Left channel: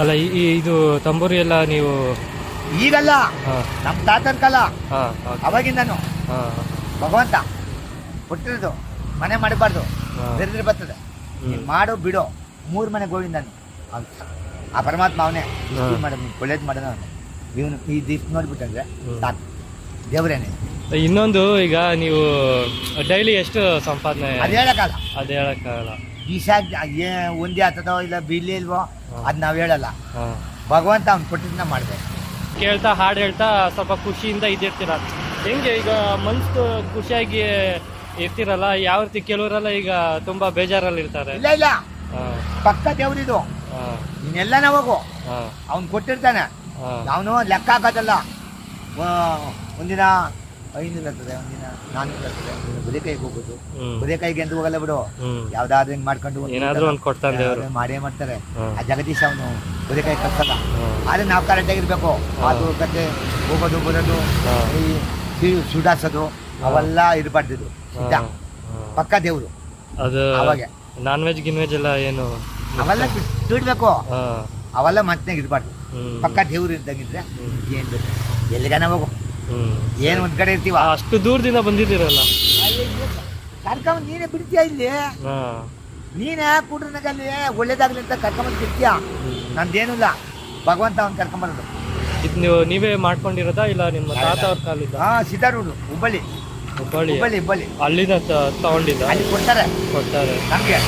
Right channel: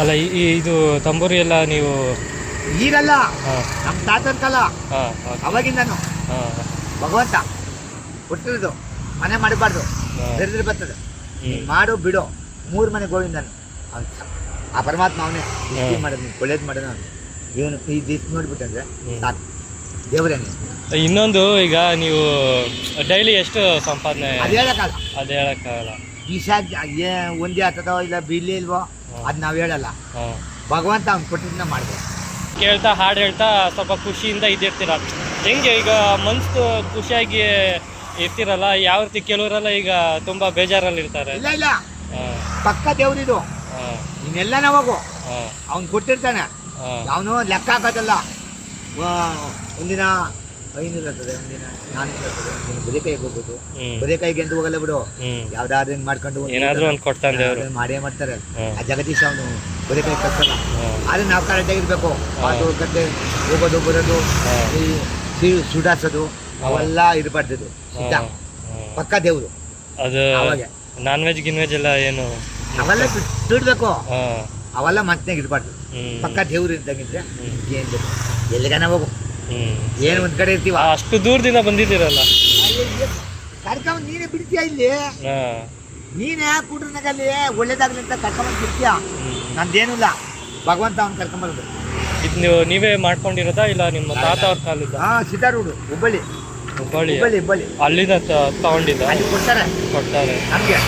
ಅಲ್ಲ ಈ- ಇದು ತಂಬೂರಿ ಎಲ್ಲ ನೀವು ಈಗಲ್ಲ. ನಮ್ ನಮ್ಮ ತಾತನ ಕಾಲ. ಅವಾಗಿಂದನು. ಭಗವಂತ ಹುಟ್ಟಿರೋದು ಮನೆ ಮಾಡಬಾರ್ದು ಬೆರೆದ್ರೆ ಬರ್ತದೆ. ಮಾಡು ಬಿಡು. ಮೂರು ಮನೆ ಗೋವಿಂದನು. ಅಂತ. ಆ ಪರಮಾತ್ಮ ಅವನೇ. ಮಾಡೋದು ಒಳ್ಳೇದು ಮಾಡೋದು ಇವನು ಈ ದಿಸ್ ನೋಡ್ಬಿಟ್ಟಂದ್ರೆ ತಾತ ಸಾಕು. ದೇವರೇನೆ ಇನ್ನೊಂದು ಈಗ ನೀವು ಡೈಲಿ ಎಷ್ಟು ಸಂಪಾದನೆ? ಅದು ಹೇಳಕ್ಕಾಗಲ್ಲ. ಅದು ಹೇಳಕ್ಕಾಗಲ್ಲ. ಈಶ ಏ ಒಂದೇ ಆಗ್ತದೋ ಇಲ್ಲ ಬಿಲ್ಲಿ ಇಲ್ವೋ ಅದ್ ನಾವು ಹೇಳಲ್ಲ. ಹಾಂ. ಭಗವಂತ ಅವ್ನು ಕೊಟ್ಟಿದ್ದನ್ನ ಮಾಡ್ಬೇಕು. ಕೇಳ್ತಾ ಹಾಡು ಹೇಳ್ತಾ ಸ್ವಲ್ಪ ಖುಷಿಯಿಂದ ಇದಿರ್ತೀರ. ಹೆಂಗೆ ಈಗ ಮನ್ಸು ಖುಷಿಯಾಗಿ ಇರ್ತಿರಲ್ಲ ಯಾವ ರೀತಿ ಕೆಲವರೆಲ್ಲ ಈಗ ತುಂಬಾ ಬೇಜಾರಲ್ಲಿ ಇರ್ತಾರೆ. ಇಲ್ಲ ಇಲ್ಲ. ಹಾಂ. ಪಕ್ಕ ದೇವ್ರಿದು ಹಾಂ. ನೀನೆಲ್ಲನ ಹೋಗು ಹಾಂ. ಅವ್ನು ಕೊಟ್ಟಿರ್ತಾನೆ. ಅವನು ಲೆಕ್ಕ ಹಾಕೋದಲ್ಲ. ಒಂದಿನ ಐದು ಇರ್ತದೆ ಒಂದಿನ ನಾಲ್ಕು ಒಂದಿನ ಬರೀಕೈಗೆ ಹೋಗ್ಬೋದು. ಬರೀಕೈಗೆ ಎಂದು ಹೋಗಲ್ಲ ಬಿಡು. ಯಾವ್ದಾದ್ರು ಹಿಂಗ್ ಮಾಡ್ಕೊಂಡು ಏನಾದ್ರೂ ಒಂದ್ ಕೊಡ್ತಾನೆ ಮಾಡೇ ಮಾಡ್ತಾರೆ. ಆ ಜಗದೀಶ್ ಅವನು ಬದೆಕಾಯಿ ಕಟ್ಟಲ್ಲ. ಆದ್ರೆ ನಾವು ಕರೆಕ್ಟಾಗಿ ಇರ್ಬೇಕು ಅದು ಕತೆ ಹೋಗೋದು ಬರೋದು. ಈ ಸುಡಾಸೋದು ಅವೆಲ್ಲ ಇರಬಾರ್ದು ಸಿದ್ಧ. ಪಕ್ಕ ದೇವ್ರು. ಅದು ಅವಾಗೆ. ನಾನ್ ವೆಜ್ ಗಿನ್ ವೆಜ್ ಎಲ್ಲ ಏನು ಅವೆಲ್ಲ ಸುಡ್ಬೇಕು ಅವೆಲ್ಲ ಮತ್ತೆ ಇರಬಾರ್ದು ಪಕ್ಕ ದೇವ್ರು ಇದ್ದಂಗಿದ್ರೆ. ಏನ್ ಬೇಕು? ಎಲ್ಲಿಗಾನ ಹೋಗು? ಏನು ಒಂದ್ ಕಡೆ ಇರ್ತೀವ? ಅಷ್ಟು ದೂರದಿಂದ ಬಂದಿದ್ದೀರಲ್ಲ. ಕರ್ಕೊಂಡ್ ನೀನೇ ಬಿಡ್ತೀಯ ಇಲ್ಲಿ? ನೀನೇ ಕುಡ್ರನಾಗಲ್ಲಿ ಒಳ್ಳೇದಾಗ್ಲಿ ಅಂತ ಕರ್ಕೊಂಬಂದ್ ಬಿಡ್ತೀಯ? ನಂದೇನಿಲ್ಲ. ಭಗವಂತ ಅವ್ನು ಕರ್ಕೊಂಬರೋದು. ಇದು ನೀವು ನೀವೇ ಮಾಡ್ಕೊಂಡಿರೋದಾ ಇಲ್ಲ ನಿಮ್ಮ ತಾತ ಅವ್ರ ಕಾಲಿದ್ದ ಹಾ ಸಿದ್ದಾರೂರು ಹುಬ್ಬಳ್ಳಿ. ಹುಬ್ಬಳ್ಳಿ ಹುಬ್ಬಳ್ಳಿ ಹುಬ್ಬಳ್ಳಿ. ಅಲ್ಲಿಂದ ತಗೊಂಡಿದ್ದ? ಅಲ್ಲಿ ಕೊಡ್ತಾರೆ. ಕೊಡ್ತಾರೆ. ನಮ್ಗೆ.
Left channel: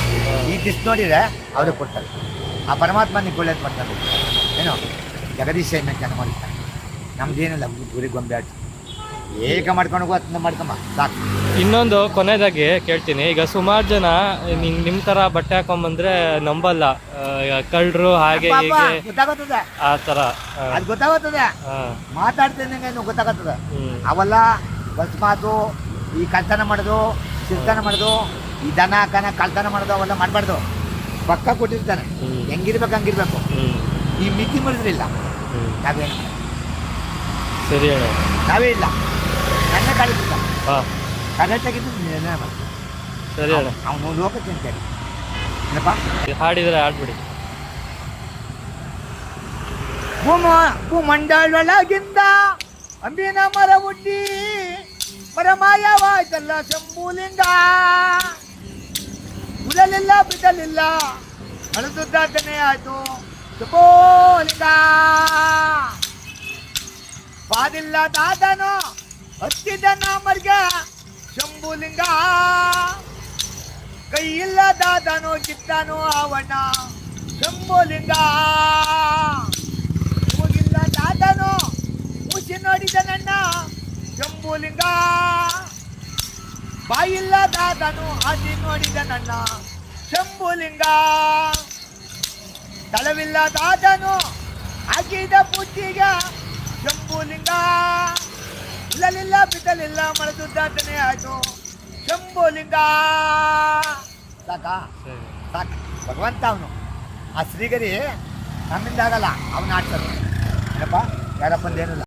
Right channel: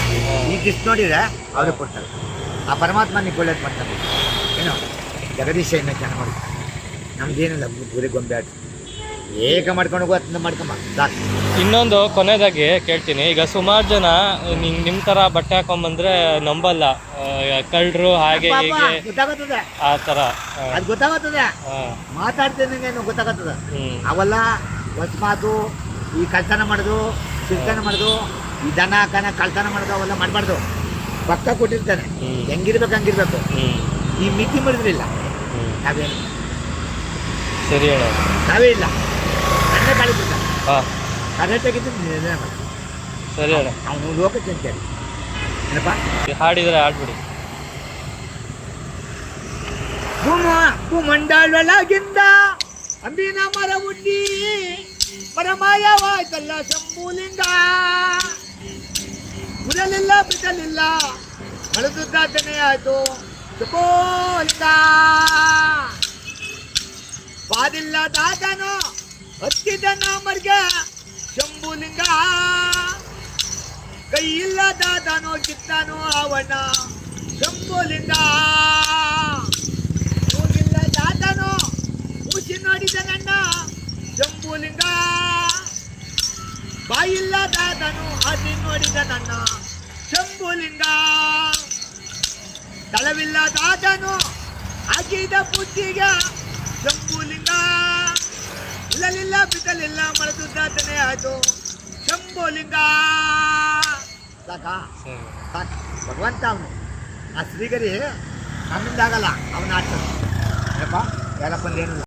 ಈ ದಿಸ್ ನೋಡಿದ್ರೆ ಅವ್ರಿಗೆ ಕೊಡ್ತಾರೆ. ಆ ಪರಮಾತ್ಮ ನೀವು ಒಳ್ಳೇದು ಮಾಡ್ತಾರೆ. ಏನೋ? ಜಗದೀಶ ಏನಕ್ಕೆ ಮಾಡ್ತಾರೆ ನಮ್ದೇನಿಲ್ಲ ಗುರಿ ಗೊಂಬೆ ಆಟ ಏಕ ಮಾಡ್ಕೊಂಡು ಹೋಗೋ ಅದನ್ನ ಮಾಡ್ಕಮ್ಮ. ಸಾಕು. ಇನ್ನೊಂದು ಕೊನೆಯದಾಗಿ ಕೇಳ್ತೀನಿ. ಈಗ ಸುಮಾರು ಜನ ನಿಮ್ ನಿಮ್ ತರ ಬಟ್ಟೆ ಹಾಕೊಂಬಂದ್ರೆ ನಂಬಲ್ಲ. ಕಳ್ಳರು ಹಾಗೆ ಆತರ ಹೀಗೆ ಗೊತ್ತಾಗುತ್ತದೆ. ಆ ತರ. ಆ, ಅದು ಗೊತ್ತಾಗುತ್ತದೆ. ಆ, ಮಾತಾಡ್ತೀನಿ ಗೊತ್ತಾಗತ್ತದ. ಹ್ಮ್. ಅವೆಲ್ಲ ಹೊಸ ಮಾತು ಈ ಕಳ್ತನ ಮಾಡೋದು ಸಿರ್ತನ ಮಾಡೋದು ಈ ದನ ಕನ ಕಳ್ತನ ಮಾಡೋದು ಅವೆಲ್ಲ ಮಾಡ್ಬಾರ್ದು. ಪಕ್ಕ ಕೊಟ್ಟಿರ್ತಾನೆ ಹ್ಮ್. ಹೆಂಗಿರ್ಬೇಕು ಹಂಗಿರ್ಬೇಕು. ಹ್ಮ್. ಈ ಮಿತಿ ಮಾಡಿದ್ರಿಲ್ಲ ಹ್ಮ್. ನಾವೇನು ಸರಿ ಹೇಳ. ನಾವೇ ಇಲ್ಲ. ನನ್ನ ಕಳಿಸಿದ್ದ ಹಾಂ. ಮಾಡಿ ಸರಿ ಹೇಳ. ಅವನು ಲೋಕ ತಿಂತೇನೆ ಏನಪ್ಪ? ಹಾಡಿದ್ರೆ ಆಗ್ಬಿಡಿ. ಭೂಮ ಭೂಮಂಡಲೊಳಗಿಂದ ಅಂಬಿನ ಮರ ಉಡ್ಡಿ ಮರ ಮಾಯವಾಯ್ತಲ್ಲ ಶಂಭೂಲಿಂಗ ಉಳಲಿಲ್ಲ ಬಿಡಲಿಲ್ಲ. ಮಳದುದ್ದಾತನೆ ಆಯ್ತು. ಶಂಭೂಲಿಂಗ ಪಾದಿಲ್ಲ ದಾದನು ಹತ್ತಿದ ಮರ್ಗ, ಶಂಭುಲಿಂಗ. ಕೈ ಇಲ್ಲ ದಾದನು ಕಿತ್ತನು ಅವನ, ಶಂಭುಲಿಂಗ. ಮೂಗಿಲ್ಲ ದಾದನು ಮುಸಿ ನೋಡಿದ ನನ್ನ, ಶಂಭುಲಿಂಗ. ಬಾಯಿಲ್ಲ ದಾದನು ಆದಿ ನೋಡಿದ ನನ್ನ, ಶಂಭುಲಿಂಗ. ತಳವಿಲ್ಲ ದಾದನು ಹಾಕಿದ ಬುದ್ಧಿಗ ಶಂಭುಲಿಂಗ ಉಳಲಿಲ್ಲ ಬಿದ್ದಲಿಲ್ಲ ಮನದುದ್ದಾತನೆ ಆಯ್ತು. ಶಂಭುಲಿಂಗ ಸಾಕಾ ಸರಿ. ಸಾಕು ಭಗವಂತ ಅವನು. ಆ ಶ್ರೀಗರಿ ನಮ್ಮಿಂದಾಗಲ್ಲ ಅವನ ಆಡ್ಸೋದು ಏನಪ್ಪ? ಯಾರಪ್ಪ ಏನಿಲ್ಲ.